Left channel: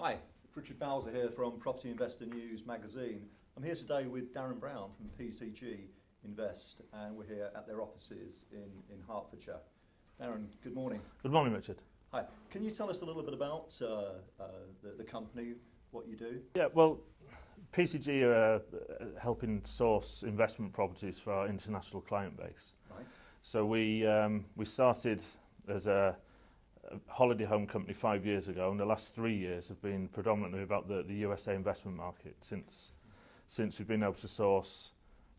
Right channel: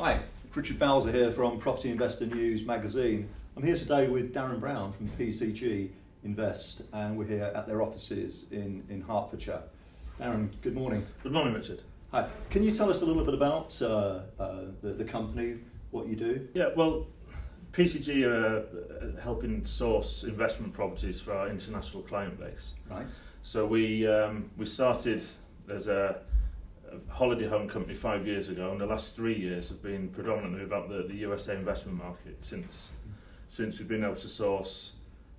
Hi, Richard Bowser here from Property Investor News magazine. I'm here today with Darren Brown from PCG Invest, and we're here at their offices in Hertfordshire. Darren, good morning. Good morning, Richard. Hi. Can you tell us a little bit about the company, what you do? Yeah, well, PCG are helping source investment properties for our international client base. Right. So we started as a holiday home company 5 years ago, and the last 3 years have been predominantly about the USA investment market since we've been able to source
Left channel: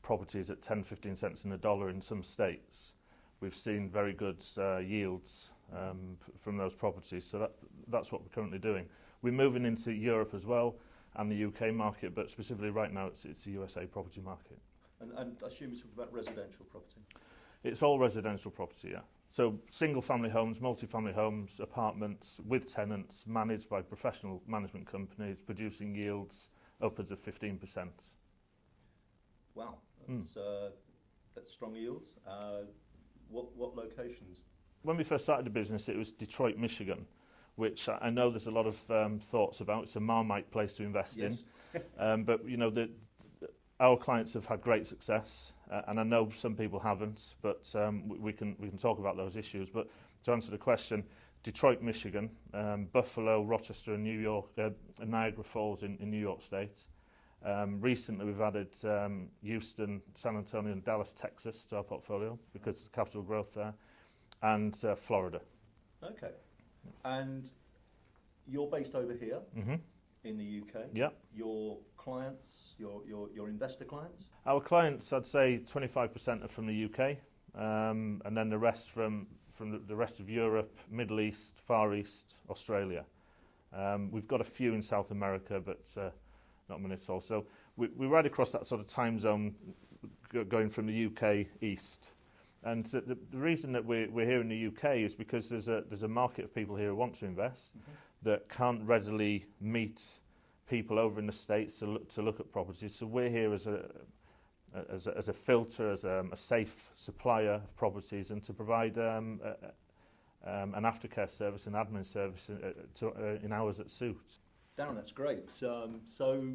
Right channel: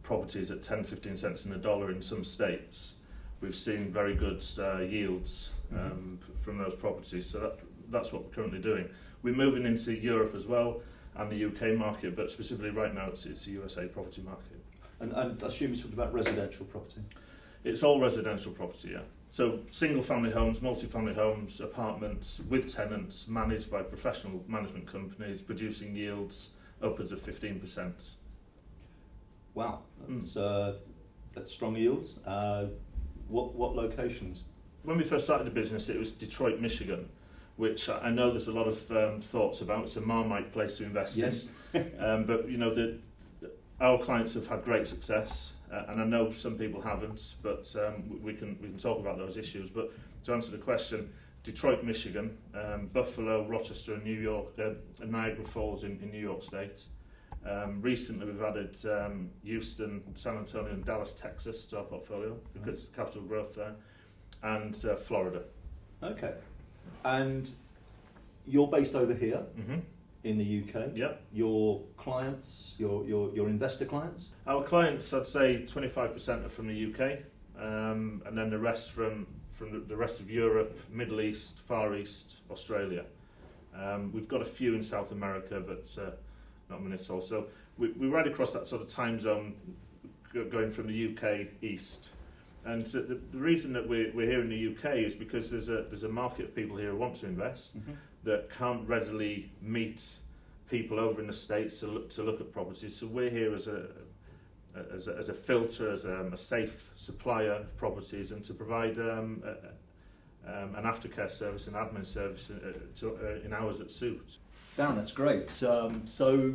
properties at 10-15 cents in the dollar in some states. We've seen very good yields from those properties, so that's what we're currently doing. We're moving into Europe as well and the UK market, but specifically right now it's the USA property market. And I assume you're talking about residential property? It's all residential property, yeah. So single family homes, multi-family homes, apartments with tenants managed by professional management companies producing yields upwards of 15%. Wow, that's strong yields. What locations? When we first started the business, it was Detroit, Michigan, which I know there's a lot of thoughts about. It's a Marmite place to invest in. But you know, our clients have had great success, and I know some people haven't, but we can talk about those issues. But to answer the question, Detroit, Michigan, Buffalo, Rochester, and New York, Niagara Falls in New York State. Recently we've added Houston, San Antonio and Dallas, Texas to our portfolio because of capital growth there, and Florida. Okay. And you're based over here in the UK. Yeah. Your clients, your investor clients? Our clients, I'd say 25% are from the UK, and then the rest from the rest of Europe, Middle East, Far East, Australia. We've got a few in South America, but not many at all. So we're right across that sort of time zone, going from the UK east. And so the reason that we're here in the UK is because there's a market of people here who want to invest that can't readily meet people over in the States to look at properties. So we're here as a filter, as a safe supplier of properties, and to provide an aftercare service, an admin service in hours that suit. Darren, that's great. So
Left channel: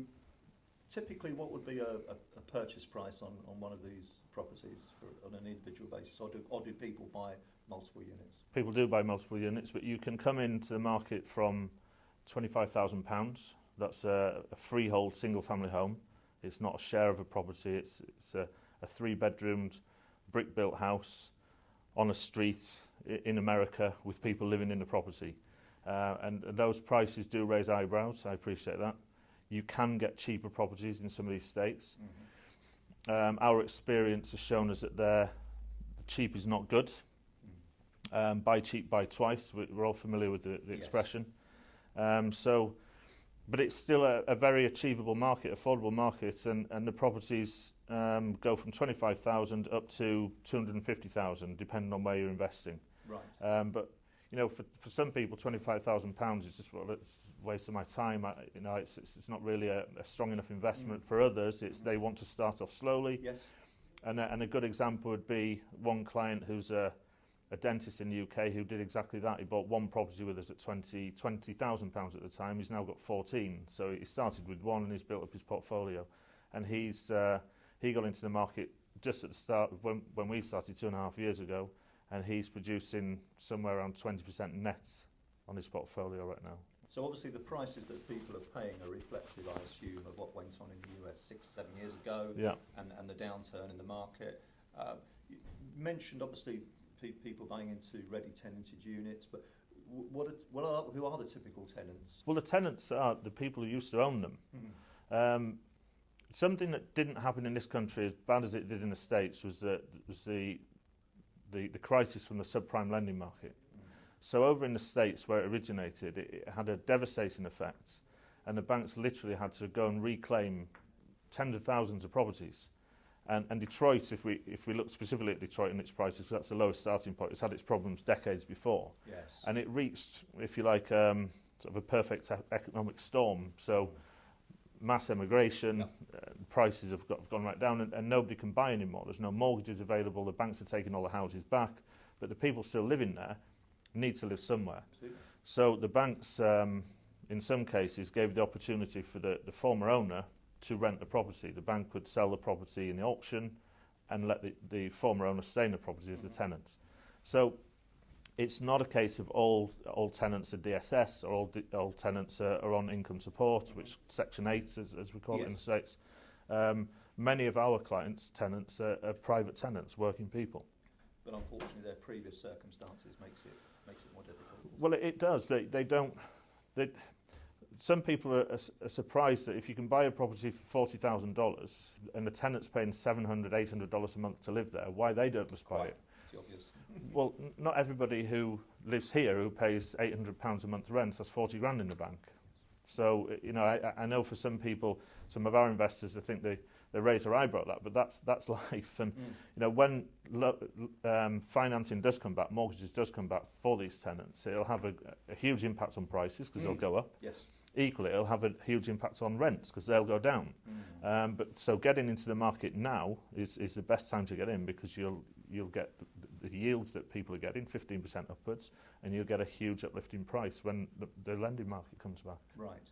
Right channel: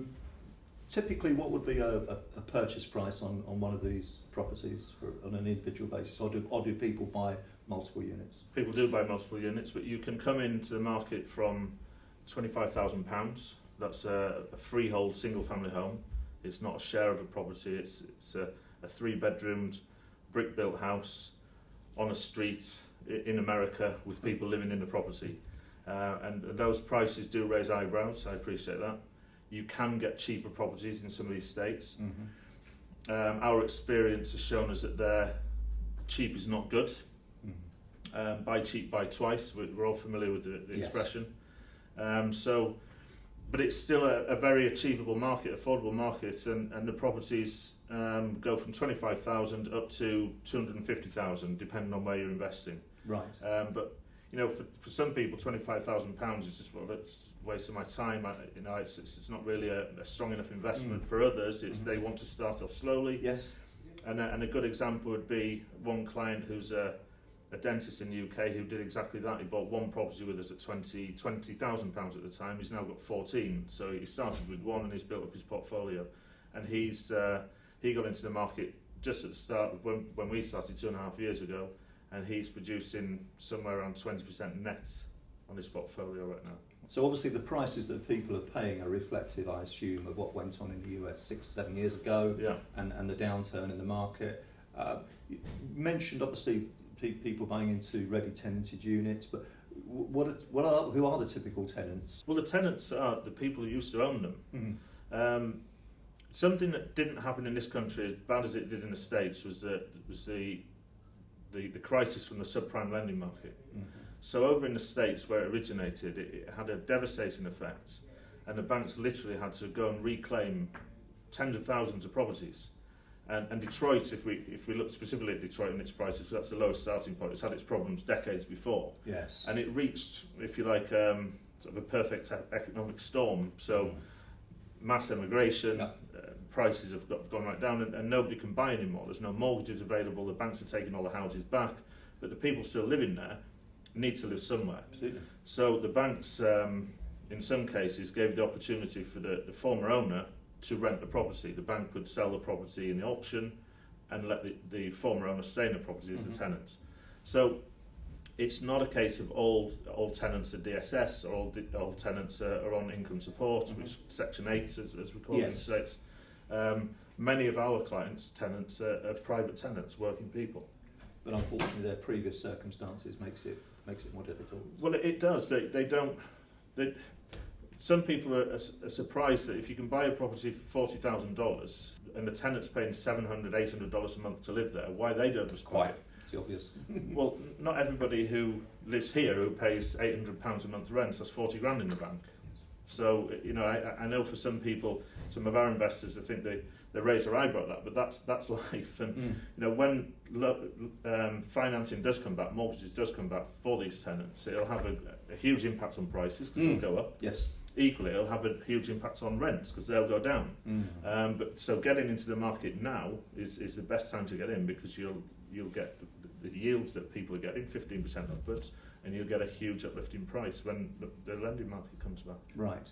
typically what would be a purchase price on one of these properties on an individual basis, or do people buy multiple units? People do buy multiple units, but you can come into the market from £25,000. That's a freehold single family home. It's not a share of a property, it's a 3-bedroomed brick built house on a street in America with people living in the property. And those prices do raise eyebrows, I appreciate that. You can get cheaper properties in some of these states. Our experience has shown us that cheap is not good. Buy cheap, buy twice. We're all familiar with the expression. But it's still a very achievable market, affordable market, and the properties go from 25,000 up to 250,000, depending on where you're investing. Right. But you know, for some people, £25,000 is just, well, it's a waste of my time. It's not really a strong enough investment. For others, it's they want to start off slowly. Yes. And a good example would be one client who's a dentist in the UK who did exactly that. He bought one property with us at £20,000 at the time. He's now got 14. So he started with one and he's built up his portfolio. And he got into the market just at the start of when we started 2.5 years ago. And he's producing somewhere around 20% net on his portfolio right now. So obviously the prices that people are paying are reflective, I assume, of what went on in the US 6-7 years ago, and the downturn in the market. You mentioned obviously people buying into ready tenanted units, but who are the typical tenants? Well, the tenants are the people who used to own them. Something that didn't happen in this country as bad as it did in the States was the crisis from the subprime lending market. So over in the States where it originated, it had a devastating effect, and the banks literally had to go and reclaim tens of thousands of properties. And Detroit, if we look specifically at Detroit and its prices, that's the lowest starting point. It's had its problems decades before. Yes. And it reached, if you like, sort of a perfect economic storm. So mass emigration, prices have gone right down, and nobody can buy anymore. There's no mortgages available. The banks are taking all the houses back, but the people still living there need to live somewhere. Absolutely. So the banks in some cases gave the opportunity for the former owner to rent the property. The bank would sell the property in the auction and let the former owner stay in the property as the tenants. So it's not a case of all tenants are DSS or all tenants are on income support, which Section 8, as we call it, states. Many of our clients' tenants are private tenants, working people. But unfortunately, their previous circumstances makes it more difficult. Well, it does. They don't. Some people are surprised that if you can buy a property for $40,000 and the tenant's paying $700, $800 a month to live there, why they don't respond? It's the obvious. Well, not everybody who lives here who pays £800 a month rent has 40 grand in the bank. So, I know for some people, some of our investors, I think they raise their eyebrow at that, but that's life. And when financing does come back, mortgages does come back for these tenants, it'll have a huge impact on prices because they'll go up. Yes. Equally, it'll have a huge impact on rents because they'll go down. But so getting into the market now is the best time to get in, because you'll get the yields that people are getting, 15% upwards, and you'll get a huge uplift in price when the lending market comes back. Right.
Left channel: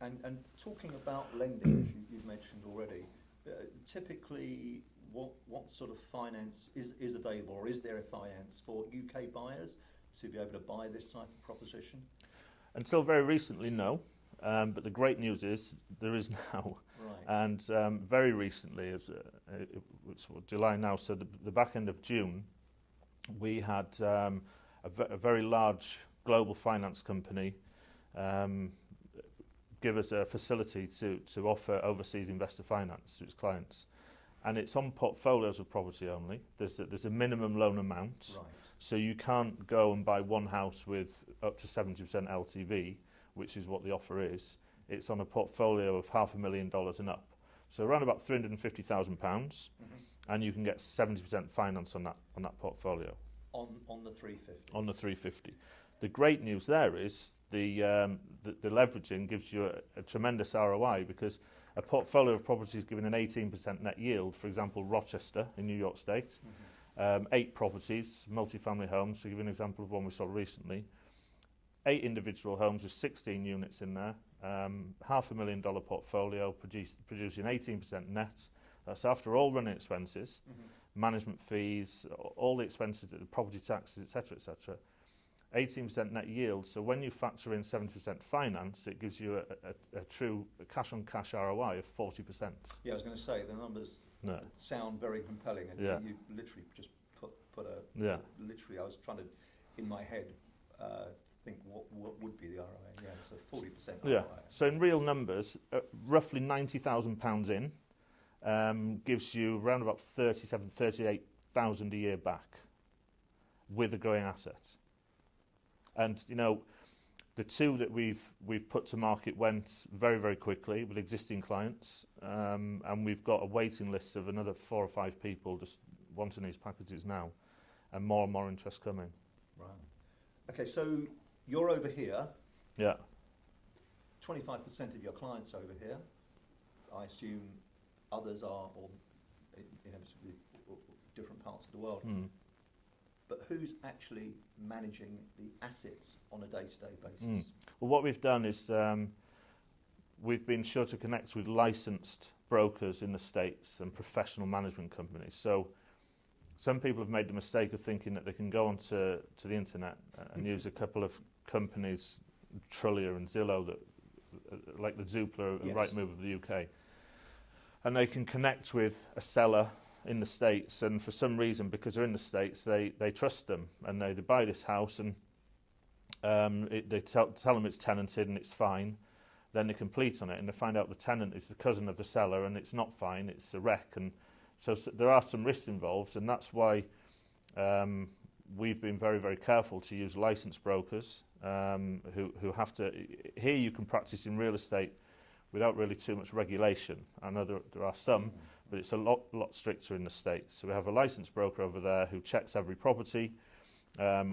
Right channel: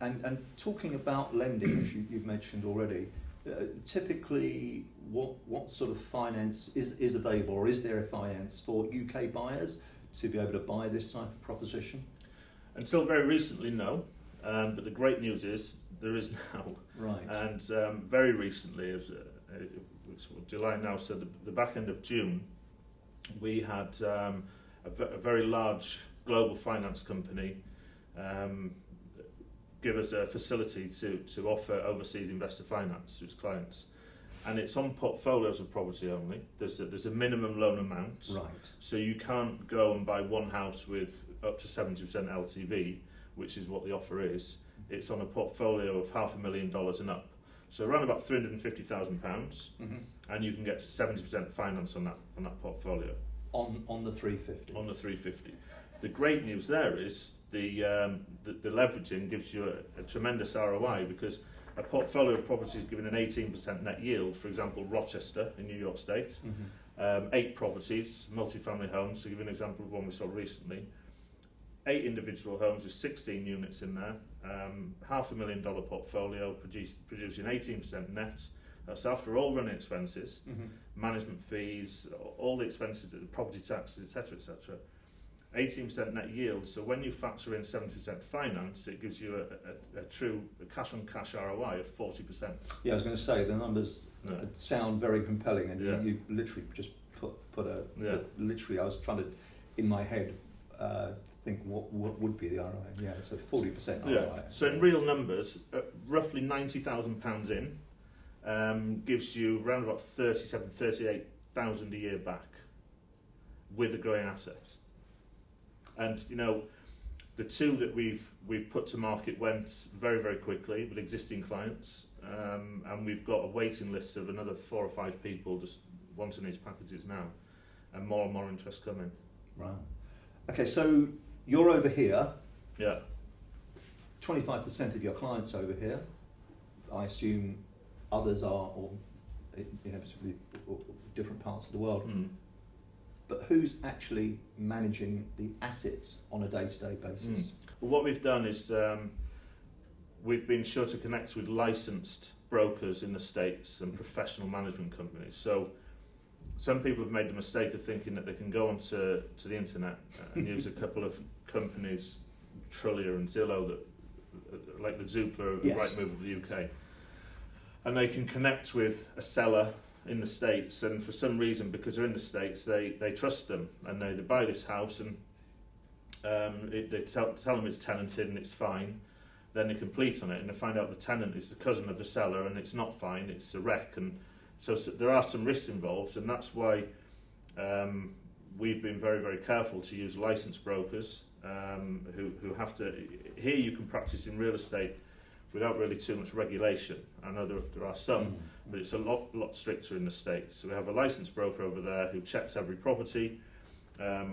And talking about lending, which you've mentioned already, typically what sort of finance is available, or is there a finance for UK buyers to be able to buy this type of proposition? Until very recently, no. But the great news is there is now. Right. And very recently, it's July now, so the back end of June, we had a very large global finance company give us a facility to offer overseas investor finance to its clients. And it's on portfolios of property only. There's a minimum loan amount. Right. So you can't go and buy one house with up to 70% LTV, which is what the offer is. It's on a portfolio of $500,000 and up. So around about £350,000, and you can get 70% finance on that portfolio. On the 350. On the 350. The great news there is the leveraging gives you a tremendous ROI, because a portfolio of properties giving an 18% net yield, for example, Rochester in New York State, 8 properties, multifamily homes, to give you an example of one we saw recently, 8 individual homes with 16 units in there, $500,000 portfolio producing 18% net. That's after all running expenses, management fees, all the expenses, the property taxes, etc., etc. 18% net yield. So when you factor in 70% finance, it gives you a true cash-on-cash ROI of 40%. Yeah, I was going to say the numbers sound very compelling, and you literally just put literally. I was trying to, in my head, think what would be the ROI. Yeah, so 40% ROI. Yeah. So in real numbers, roughly £90,000 in gives you around about 38,000 a year back with a growing asset. And the two that we've put to market went very, very quickly with existing clients, and we've got a waiting list of another 4 or 5 people just wanting these packages now, and more interest coming. Right. Okay, so you're over here. Yeah. 25% of your clients over here. I assume others are, or different parts of the world. But who's actually managing the assets on a day-to-day basis? Well, what we've done is we've been sure to connect with licensed brokers in the States and professional management companies. So some people have made the mistake of thinking that they can go onto the internet and use a couple of companies, Trullier and Zillow, that like the Zoopla, Rightmove of the UK, and they can connect with a seller in the States, and for some reason, because they're in the States, they trust them, and they buy this house, and they tell them it's tenanted and it's fine. Then they complete on it, and they find out the tenant is the cousin of the seller, and it's not fine, it's a wreck. And so there are some risks involved, and that's why we've been very, very careful to use licensed brokers who have to. Here you can practice in real estate without really too much regulation. I know there are some, but it's a lot stricter in the States. So we have a licensed broker over there who checks every property.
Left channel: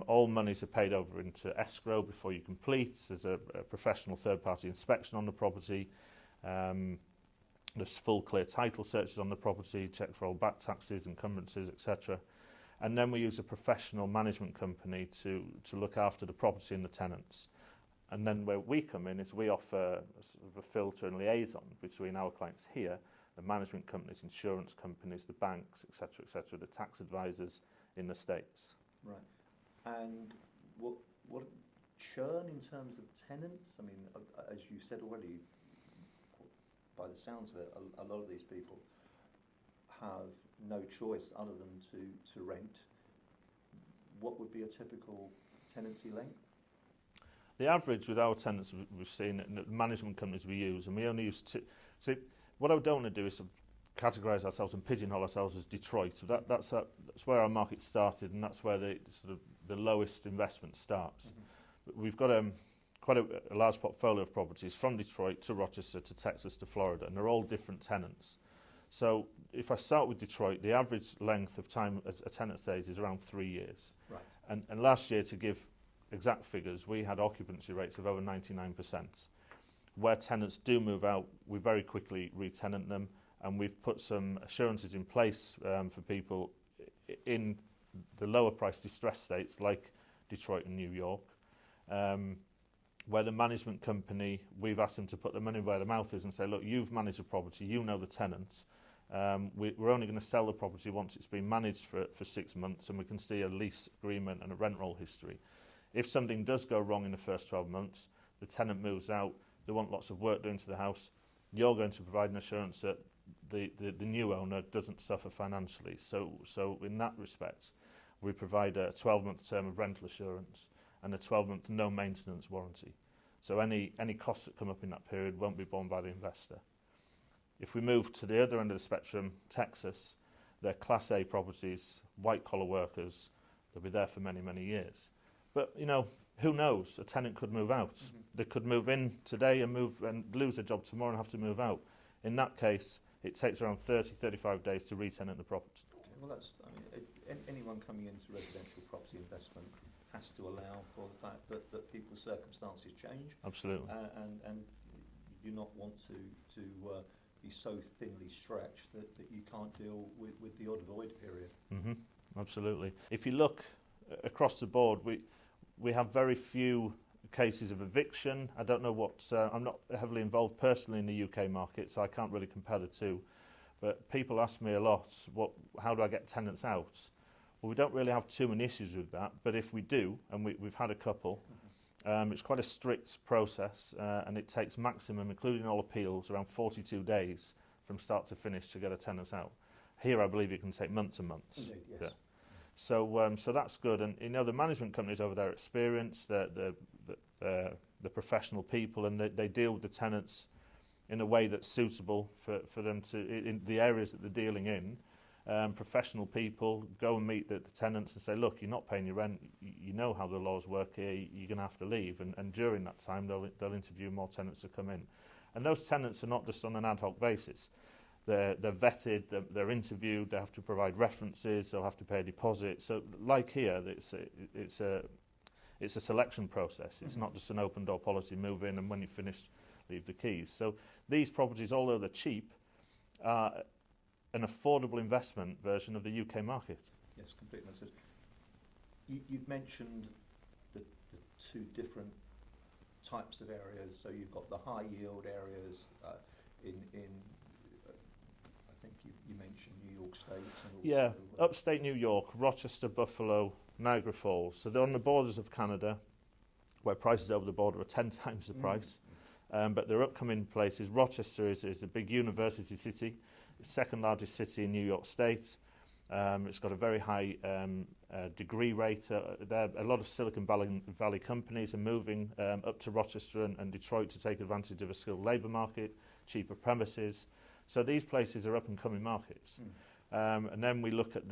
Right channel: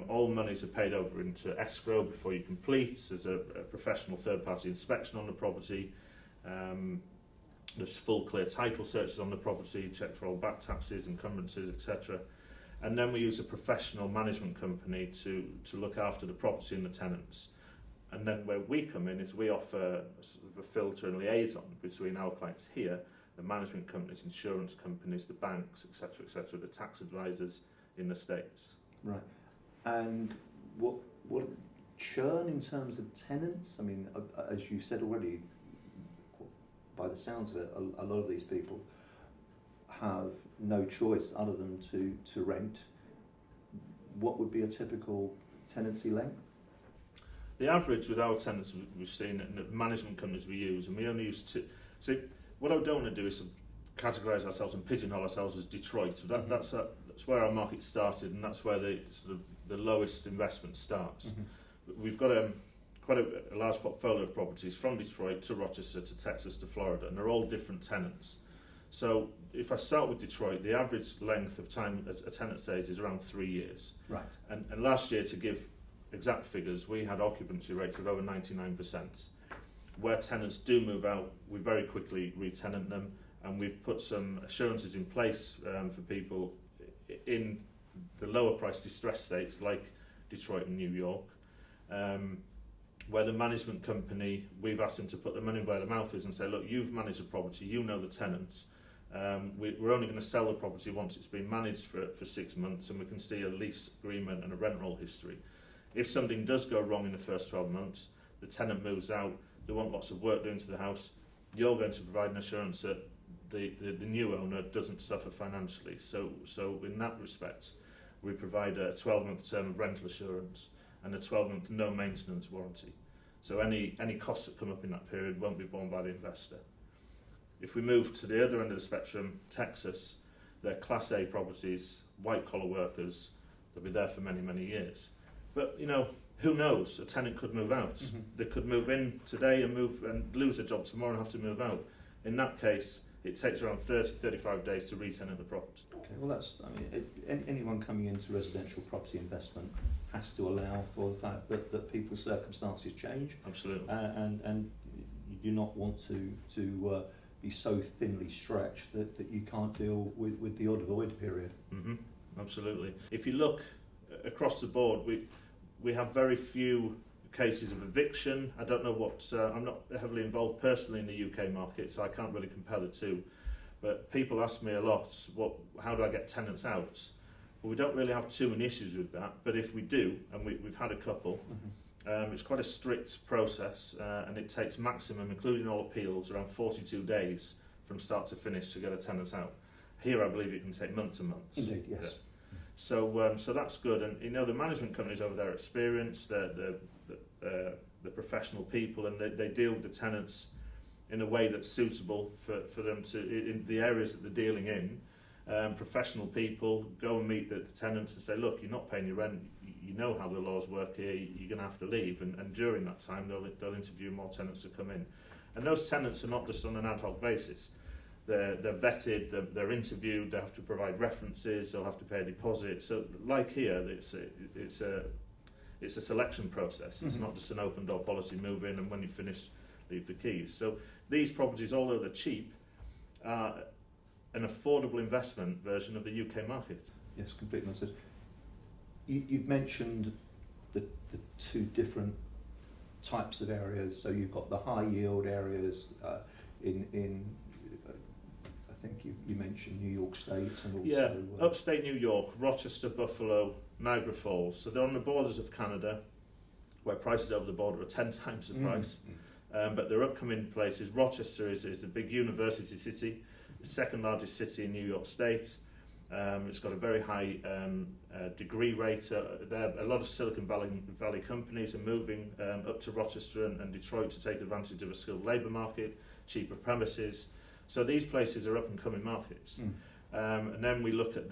All monies are paid over into escrow before you complete. There's a professional third-party inspection on the property. There's full clear title searches on the property, check for all back taxes, encumbrances, etc. And then we use a professional management company to look after the property and the tenants. And then where we come in is we offer sort of a filter and liaison between our clients here, the management companies, insurance companies, the banks, etc., the tax advisors in the States. Right. And what churn in terms of tenants? I mean, as you said already, by the sounds of it, a lot of these people have no choice other than to rent. What would be a typical tenancy length? The average with our tenants we've seen in the management companies we use, and we only use two. So what I don't want to do is categorise ourselves and pigeonhole ourselves as Detroit. So that's where our market started, and that's where the lowest investment starts. Mm-hmm. But we've got quite a large portfolio of properties from Detroit to Rochester to Texas to Florida, and they're all different tenants. So if I start with Detroit, the average length of time a tenant stays is around 3 years. Right. And last year, to give exact figures, we had occupancy rates of over 99%. Where tenants do move out, we very quickly re-tenant them, and we've put some assurances in place for people in the lower price distressed states like Detroit and New York, where the management company, we've asked them to put their money where their mouth is and say, look, you've managed a property, you know the tenants. We're only going to sell the property once it's been managed for 6 months, and we can see a lease agreement and a rent roll history. If something does go wrong in the first 12 months, the tenant moves out, they want lots of work doing to the house, you're going to provide an assurance that the new owner doesn't suffer financially. So in that respect, we provide a 12-month term of rental assurance and a 12-month no maintenance warranty. So any costs that come up in that period won't be borne by the investor. If we move to the other end of the spectrum, Texas, they're Class A properties, white-collar workers, they'll be there for many, many years. But, who knows? A tenant could move out. Mm-hmm. They could move in today and lose their job tomorrow and have to move out. In that case, it takes around 30-35 days to re-tenant the property. Okay, well, anyone coming into residential property investment has to allow for the fact that people's circumstances change. Absolutely. And you do not want to be so thinly stretched that you can't deal with the odd void period. Mm-hmm. Absolutely. If you look across the board, we have very few cases of eviction. I don't know what, I'm not heavily involved personally in the UK market, so I can't really compare the two. But people ask me a lot, how do I get tenants out? Well, we don't really have too many issues with that, but if we do, and we've had a couple, mm-hmm. It's quite a strict process, and it takes maximum, including all appeals, around 42 days from start to finish to get a tenant out. Here, I believe it can take months and months. Indeed, yes. Yeah. So that's good, and the management companies over there are experienced, the professional people, and they deal with the tenants in a way that's suitable for them to in the areas that they're dealing in. Professional people go and meet the tenants and say, look, you're not paying your rent. You know how the laws work here. You're going to have to leave, and during that time they'll interview more tenants to come in, and those tenants are not just on an ad hoc basis. They're vetted, they're interviewed, they have to provide references, they'll have to pay a deposit. So like here, it's a selection process. It's mm-hmm. not just an open door policy, move in and when you finish, leave the keys. So these properties, although they're cheap, are an affordable investment version of the UK market. Yes, completely understood. You've mentioned the two different types of areas. So you've got the high yield areas in I think you mentioned New York State and also... Yeah, upstate New York, Rochester, Buffalo, Niagara Falls. So they're on the borders of Canada, where prices over the border are 10 times the price. But their upcoming places, Rochester is a big university city, the second largest city in New York State. It's got a very high degree rate. A lot of Silicon Valley companies are moving up to Rochester and Detroit to take advantage of a skilled labour market, cheaper premises. So these places are up-and-coming markets. And then we look at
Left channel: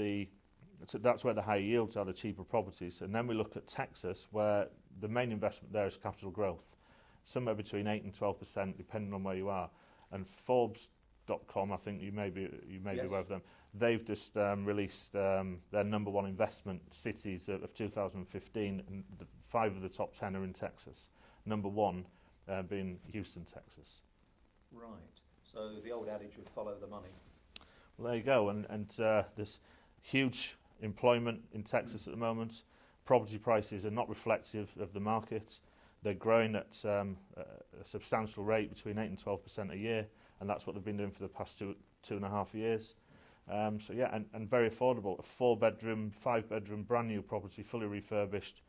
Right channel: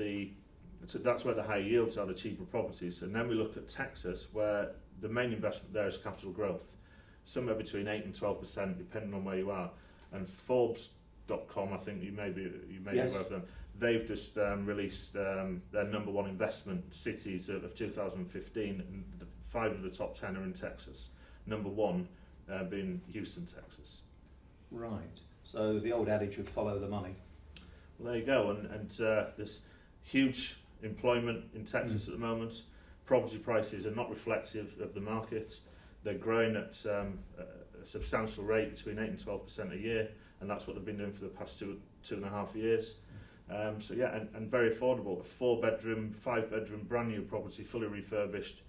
that's where the high yields are, the cheaper properties. And then we look at Texas, where the main investment there is capital growth, somewhere between 8 and 12%, depending on where you are. And Forbes.com, I think you may be yes. aware of them, they've just released their number one investment cities of 2015, and 5 of the top 10 are in Texas. Number one being Houston, Texas. Right. So the old adage of follow the money. Well, there you go, and there's huge employment in Texas at the moment. Property prices are not reflective of the market. They're growing at a substantial rate, between 8 and 12% a year, and that's what they've been doing for the past 2.5 years. So yeah, and very affordable. A 4-bedroom, 5-bedroom, brand new property, fully refurbished.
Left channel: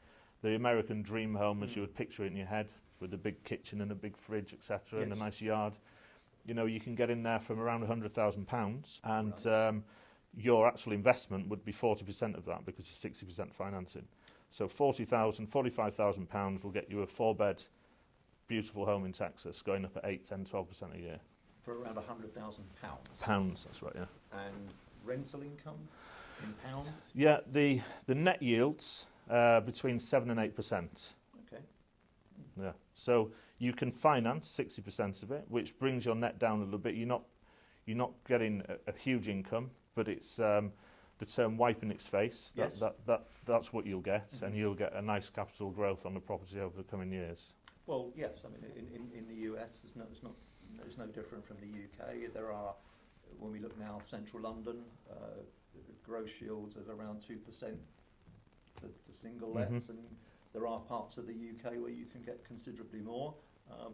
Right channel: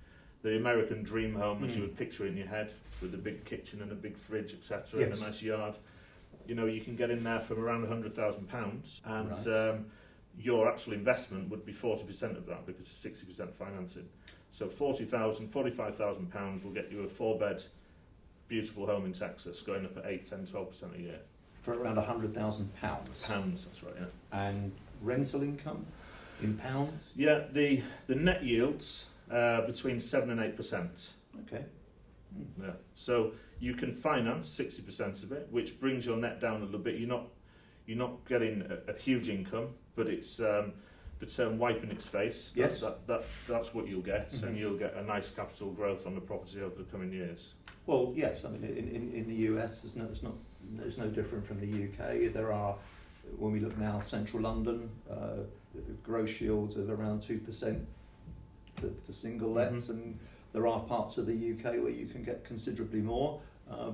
The American dream home, as you would picture it in your head, with a big kitchen and a big fridge, etc., and a nice yard. You know, you can get in there from around £100,000, and your actual investment would be 40% of that, because it's 60% financing. So £40,000, £45,000 will get you a 4-bed, beautiful home in Texas, going up at 8, 10, 12% a year. For around £100,000. Pounds, that's right, yeah. And rental income in pounds? Yeah, the net yields between 7 and 8%. Okay. Yeah. So you can finance 60% of it, which brings your net down a little bit. You're not getting a huge income, but it's the term wiping its face. Yes. That's what you'll get, and you'll get a nice capital growth on the property over the coming years. Well, yes. I mean, in the US, it's no different from the UK. There are, when we look now, central London, gross yields of around 2% for single lets, and there are parts of the UK where you can get considerably more.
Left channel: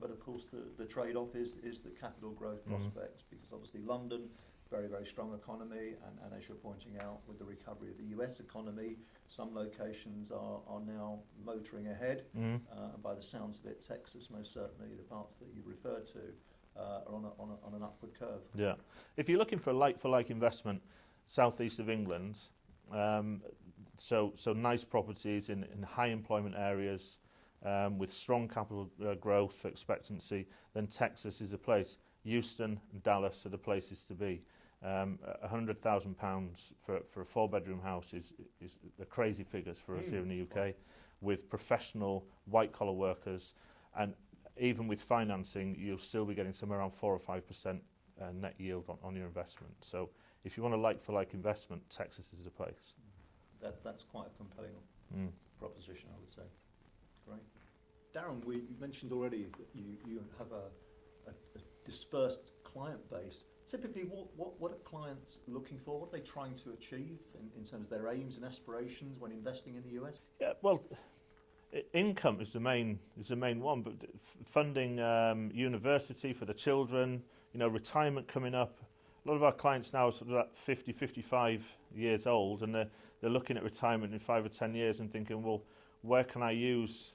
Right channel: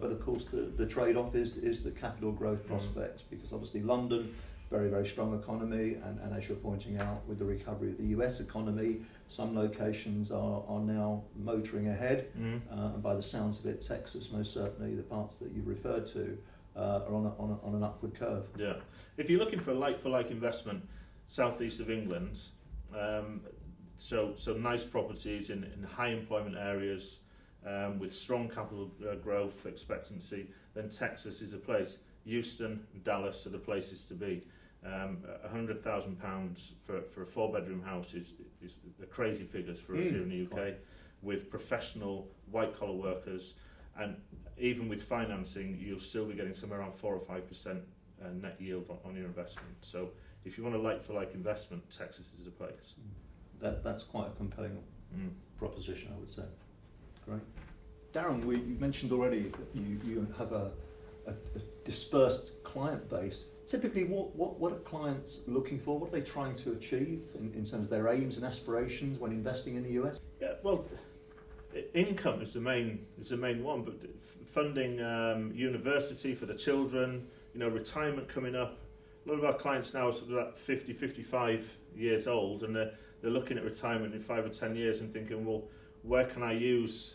But of course, the trade-off is the capital growth prospects, because obviously London, very, very strong economy, and as you're pointing out, with the recovery of the US economy, some locations are now motoring ahead, and by the sounds of it, Texas, most certainly, the parts that you referred to, are on an upward curve. Yeah. If you're looking for a like-for-like investment, southeast of England, so nice properties in high employment areas, with strong capital growth expectancy, then Texas is a place. Houston and Dallas are the places to be. £100,000 for a 4-bedroom house is the crazy figures for us here in the UK, with professional white-collar workers, and even with financing, you'll still be getting somewhere around 4 or 5% net yield on your investment. So if you want a like-for-like investment, Texas is a place. That's quite a compelling proposition, I would say. Great. Darren, you mentioned already that you have a dispersed client base. Typically, what are clients looking for? What are they trying to achieve in terms of their aims and aspirations when investing in the US? Yeah, well, income is the main one, but funding university for the children, retirement coming up. A lot of our clients now are sort of at 50, 55 years old, and they're looking at retirement in 5 or 10 years and thinking, well, where can I use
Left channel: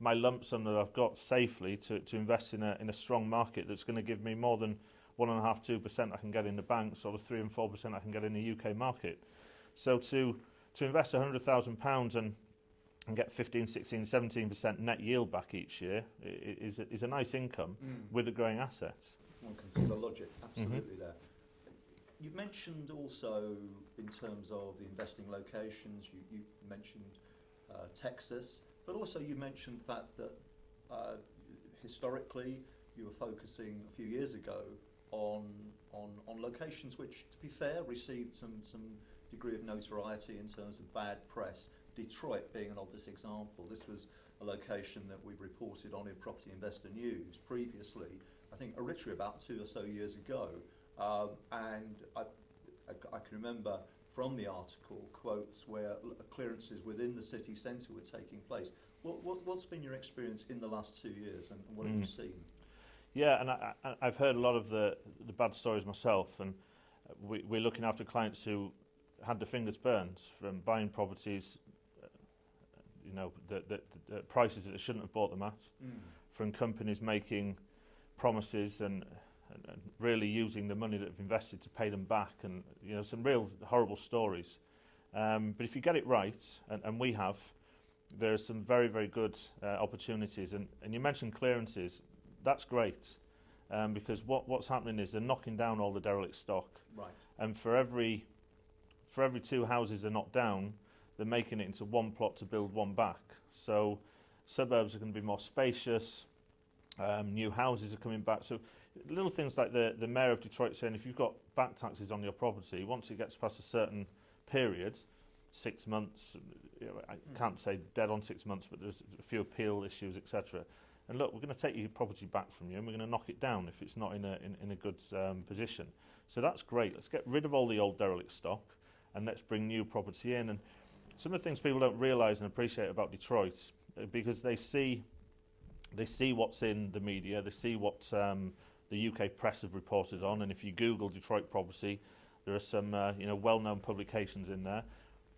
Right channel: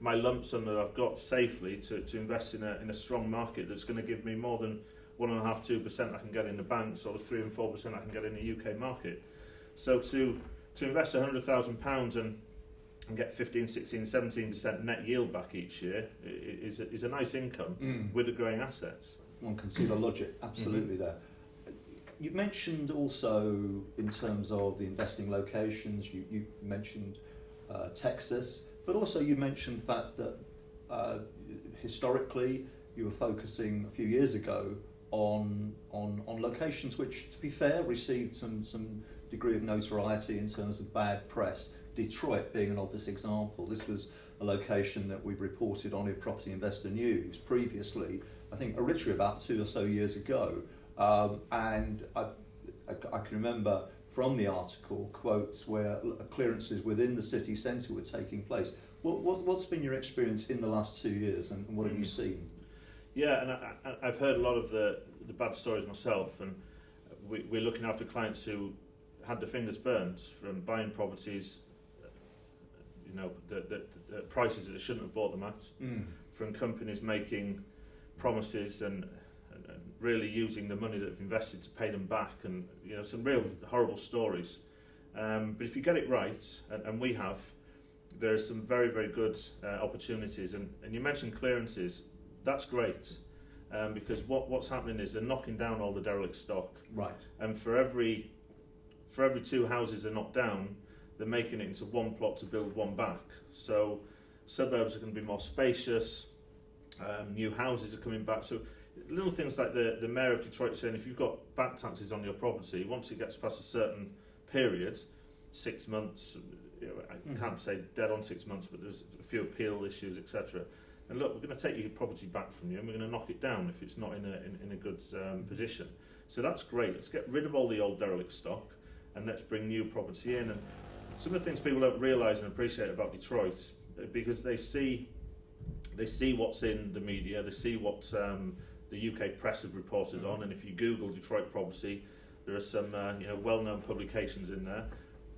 my lump sum that I've got safely to invest in a strong market that's going to give me more than 1.5-2% I can get in the bank, sort of 3 and 4% I can get in the UK market. So to invest £100,000 and get 15, 16, 17% net yield back each year is a nice income with a growing asset. One can see the logic absolutely there. You mentioned also, in terms of the investing locations, you mentioned Texas, but also you mentioned the fact that historically you were focusing a few years ago on locations which, to be fair, received some degree of notoriety in terms of bad press. Detroit being an obvious example. This was a location that we reported on in Property Investor News previously, I think literally about 2 or so years ago, and I can remember from the article quotes where clearances within the city centre were taking place. What's been your experience in the last 2 years, and what have you seen? Yeah, and I've heard a lot of the bad stories myself, and we're looking after clients who had their fingers burned from buying properties, the prices that they shouldn't have bought them at, from companies making promises and really using the money that they've invested to pay them back, and some real horrible stories. But if you get it right, and we have, there are some very, very good opportunities. And you mentioned clearances. That's great, because what's happening is they're knocking down all the derelict stock. Right. And for every 2 houses are knocked down, they're making it into one plot to build one back. So suburbs are going to be more spacious. New houses are coming back. So little things like the mayor of Detroit saying, if you've got bank taxes on your property, once it gets past a certain period, 6 months, I can't say dead on 6 months, but there's a few appeal issues, etc. And look, we're going to take your property back from you, and we're going to knock it down if it's not in a good position. So that's great. Let's get rid of all the old derelict stock, and let's bring new property in. And some of the things people don't realise and appreciate about Detroit, because they see They see what's in the media, they see what the UK press have reported on, and if you Google Detroit property, there are some well-known publications in there.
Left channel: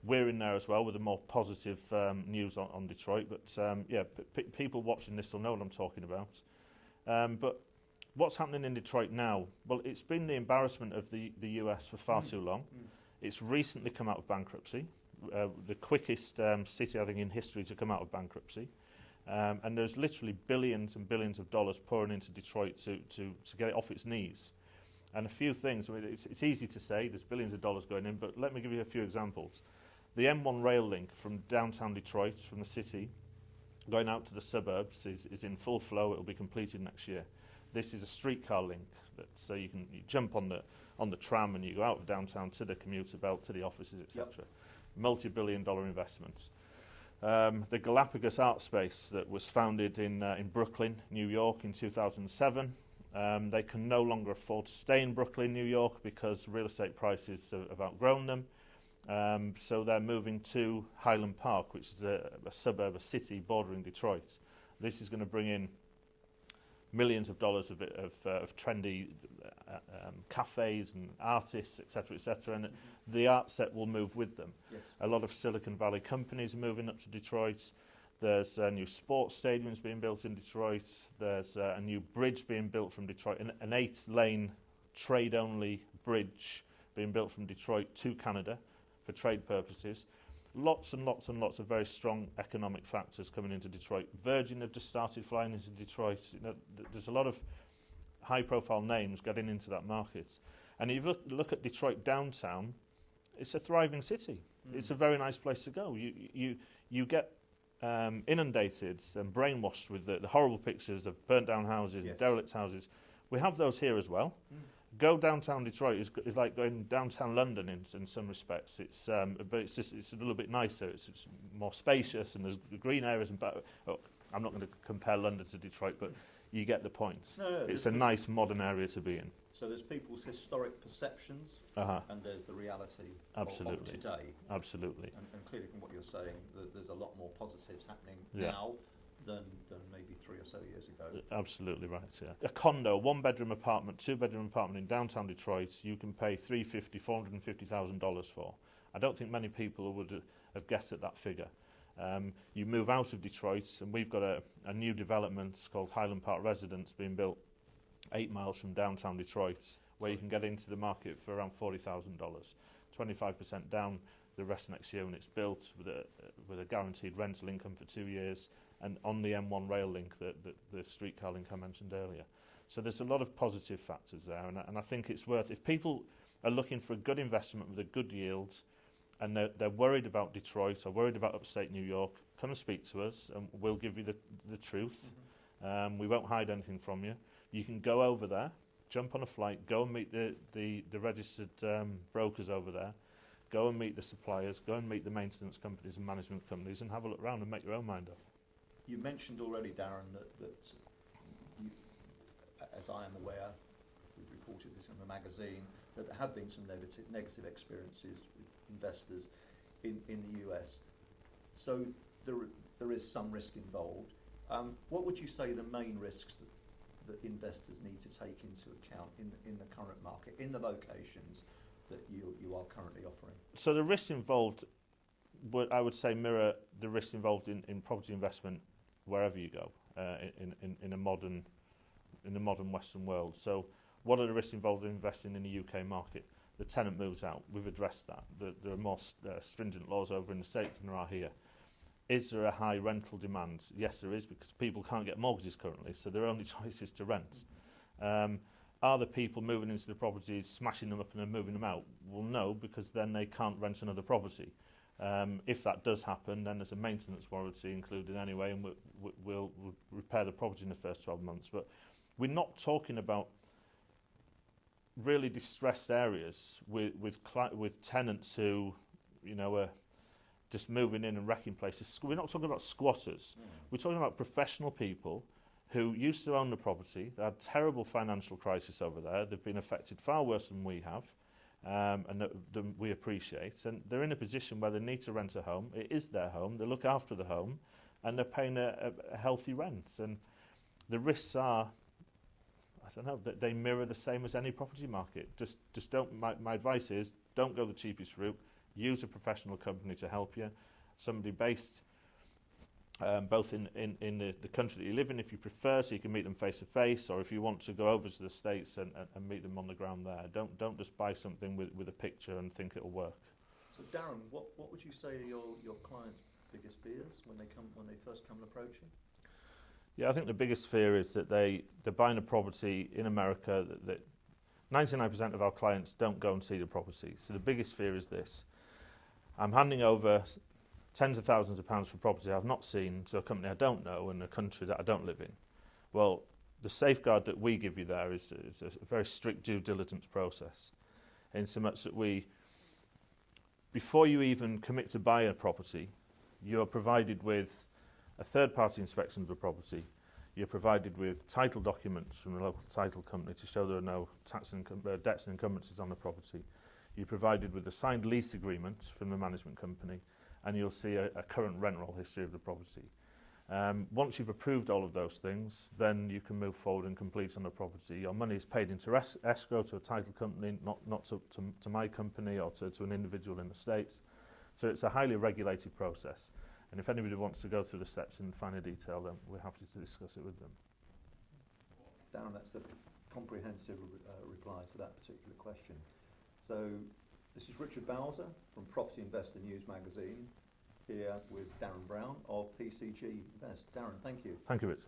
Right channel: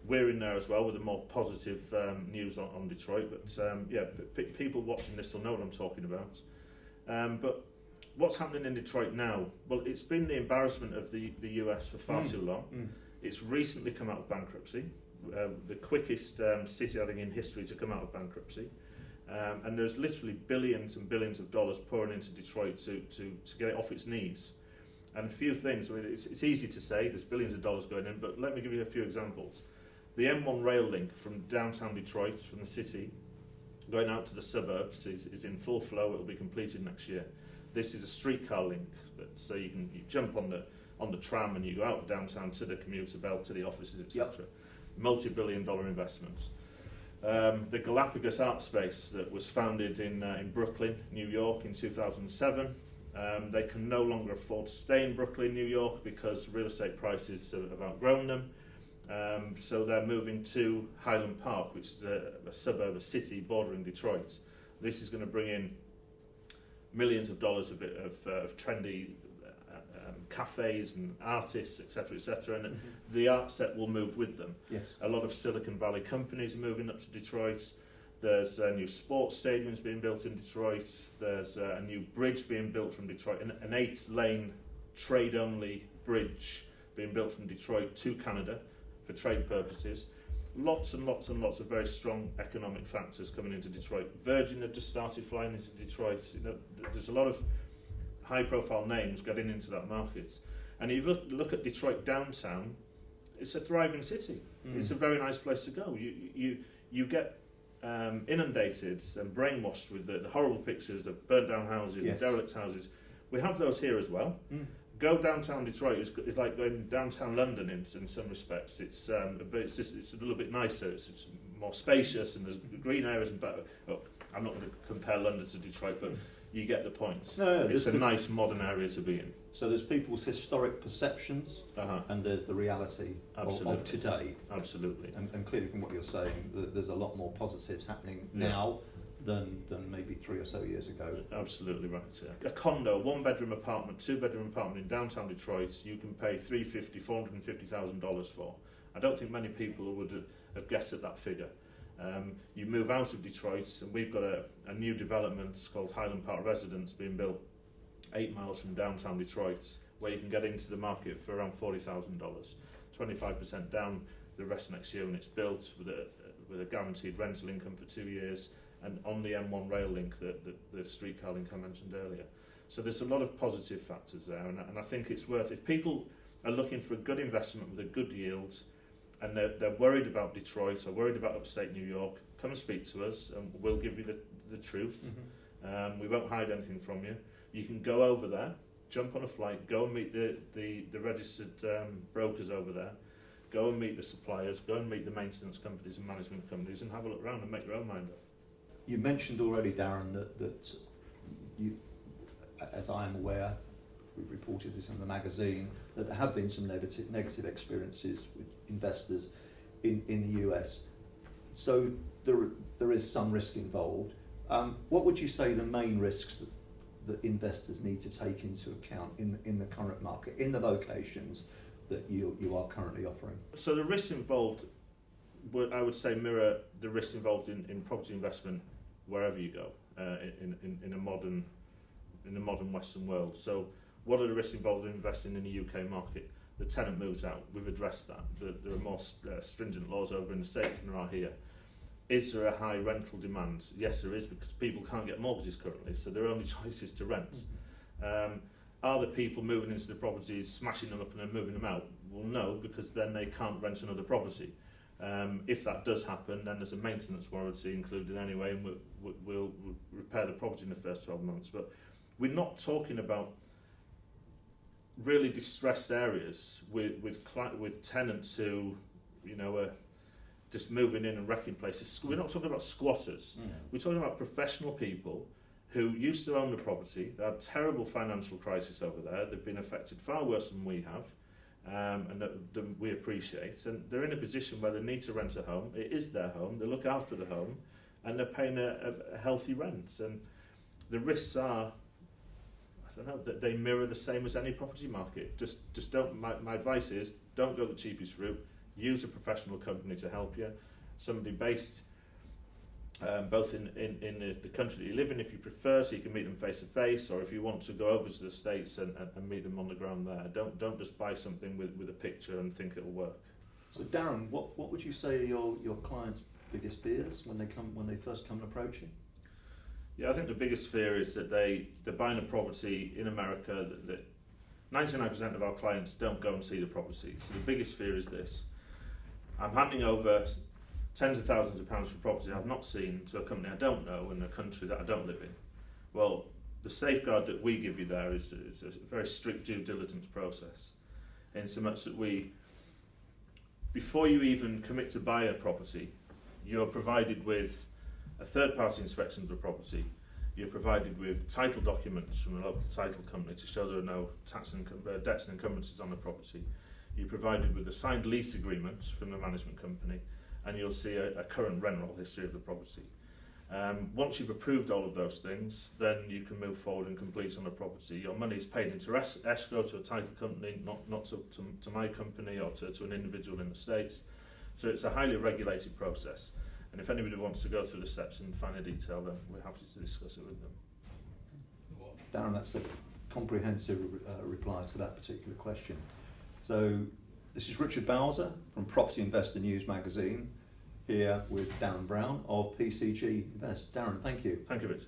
We're in there as well with a more positive news on Detroit, but people watching this will know what I'm talking about. But what's happening in Detroit now? Well, it's been the embarrassment of the US for far too long. It's recently come out of bankruptcy, the quickest city, I think, in history to come out of bankruptcy. And there's literally billions and billions of dollars pouring into Detroit to get it off its knees. And a few things, I mean, it's easy to say, there's billions of dollars going in, but let me give you a few examples. The M1 rail link from downtown Detroit, from the city, going out to the suburbs is in full flow. It will be completed next year. This is a streetcar link, so you jump on the tram and you go out of downtown to the commuter belt, to the offices, etc. Yep. Multi-billion-dollar investments. The Galapagos Art Space that was founded in Brooklyn, New York in 2007. They can no longer afford to stay in Brooklyn, New York, because real estate prices have outgrown them. So they're moving to Highland Park, which is a suburb, a city bordering Detroit. This is going to bring in millions of dollars of trendy cafes and artists, etc., etc. And the art set will move with them. Yes. A lot of Silicon Valley companies are moving up to Detroit. There's new sports stadiums being built in Detroit. There's a new bridge being built from Detroit, an 8-lane trade-only bridge being built from Detroit to Canada for trade purposes. Lots and lots and lots of very strong economic factors coming into Detroit. Virgin have just started flying into Detroit. There's a lot of high-profile names getting into that market. And if you look at Detroit downtown, it's a thriving city. It's a very nice place to go. You get inundated and brainwashed with the horrible pictures of burnt down houses, yes, derelict houses. We have those here as well. Go downtown Detroit is like going downtown London in some respects. But it's a little bit nicer. It's more spacious and there's green areas and better. Oh, I'm not going to compare London to Detroit, but you get the point. No, it's a nice modern area to be in. So there's people's historic perceptions, and there's the reality of today. Absolutely. And clearly, from what you're saying, there's a lot more positives happening now than maybe 3 or so years ago. Absolutely right. Yeah. A condo, 1-bedroom apartment, 2-bedroom apartment in downtown Detroit, you can pay $450,000 for. I don't think many people would have guessed at that figure. You move out of Detroit, and we've got a new development called Highland Park Residence being built 8 miles from downtown Detroit, where you can get into the market for around $40,000, 25% down the rest next year when it's built, with a guaranteed rental income for 2 years, and on the M1 rail link, the streetcar link I mentioned earlier. So there's a lot of positive factors there, and I think it's worth, if people are looking for a good investment with a good yield, and they're worried about Detroit or worried about upstate New York, come and speak to us and we'll give you the truth. We won't hide anything from you. You can go over there, jump on a flight, go and meet the registered brokers over there, go and meet the suppliers, go and meet the maintenance companies and management companies and have a look around and make your own mind up. You mentioned already, Darren, that you, as I am aware, we've reported this in the magazine, that there have been some negative experiences with investors in the US. So there is some risk involved. What would you say the main risks that investors need to take into account in the current market, in the locations that you are currently offering? So the risks involved, I would say, mirror the risks involved in property investment wherever you go in a modern Western world. So what are the risks involved in investing in the UK market? The tenant moves out. We've addressed that. There are more stringent laws over in the States than there are here. Is there a high rental demand? Yes, there is, because people can't get mortgages currently, so their only choice is to rent. Are the people moving into the properties, smashing them up and then moving them out? Well, no, because then they can't rent another property. If that does happen, then there's a maintenance warranty included anyway, and we'll repair the property in the first 12 months. But we're not talking about really distressed areas with tenants who, are just moving in and wrecking places. We're not talking about squatters. We're talking about professional people who used to own the property. They had terrible financial crisis over there. They've been affected far worse than we have, and that we appreciate. And they're in a position where they need to rent a home. It is their home. They look after the home, and they're paying a healthy rent. And the risks are, I don't know, that they mirror the same as any property market. Just don't. My advice is don't go the cheapest route. Use a professional company to help you. Somebody based both in the country that you live in, if you prefer, so you can meet them face to face, or if you want to go over to the States and meet them on the ground there. Don't just buy something with a picture and think it'll work. So Darren, what would you say are your clients' biggest fears when they first come and approach you? Yeah, I think the biggest fear is that they're buying a property in America that 99% of our clients don't go and see the property. So the biggest fear is this: I'm handing over tens of thousands of pounds for property I've not seen to a company I don't know in a country that I don't live in. Well, the safeguard that we give you there is a very strict due diligence process, in so much that before you even commit to buy a property, you're provided with a third-party inspection of the property. You're provided with title documents from a local title company to show there are no debts and encumbrances on the property. You're provided with a signed lease agreement from the management company, and you'll see a current rent roll history of the property. Once you've approved all of those things, then you can move forward and complete on the property. Your money is paid into escrow to a title company, not to my company or to an individual in the States. So it's a highly regulated process. And if anybody wants to go through the steps in finer detail, then we're happy to discuss it with them. Darren, that's a comprehensive reply to that particular question. So this is Richard Bowser from Property Investor News magazine, here with Darren Brown of PCG Invest. Darren, thank you. Thank you, Rich.